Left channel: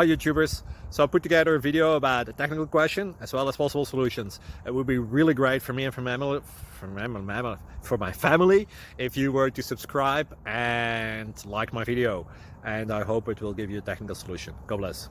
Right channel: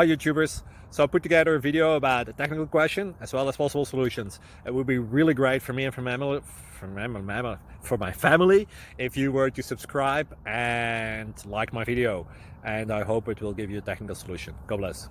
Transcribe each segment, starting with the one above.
Hi YouTubers. So I put together a video about a technical question as well as possible solutions. It would be really great for me and for my family if you were to subscribe and like my video, and I hope it will give you a technical solution. God bless.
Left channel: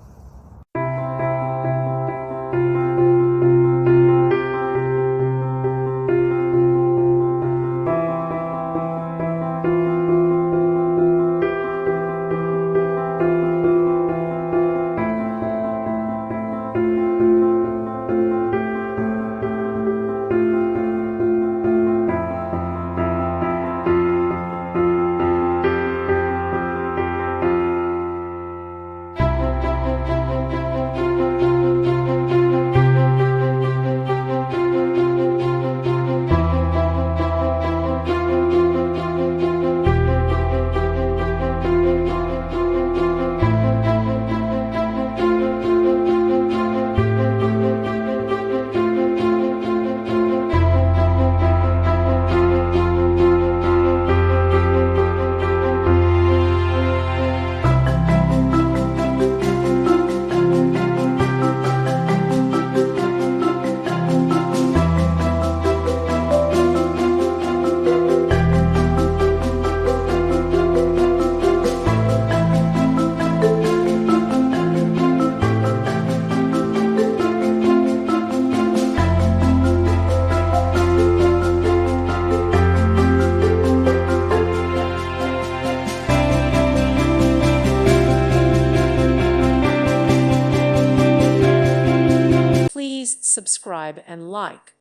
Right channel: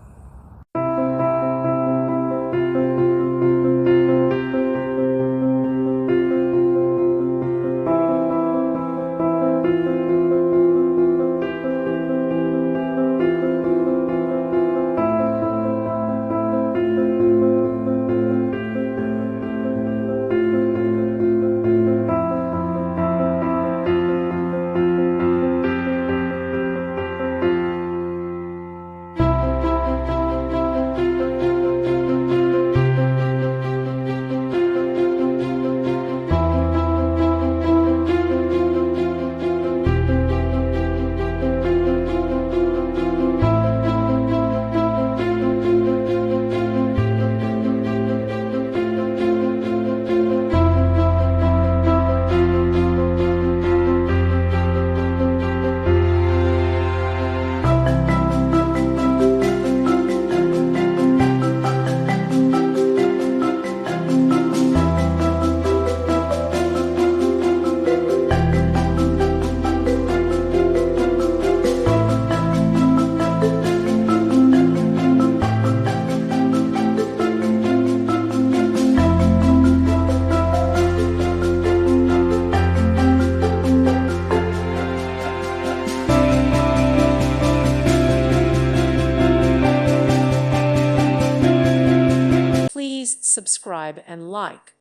Please subscribe and like.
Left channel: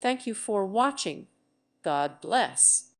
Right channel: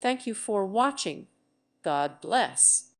Thank you for watching. God bless.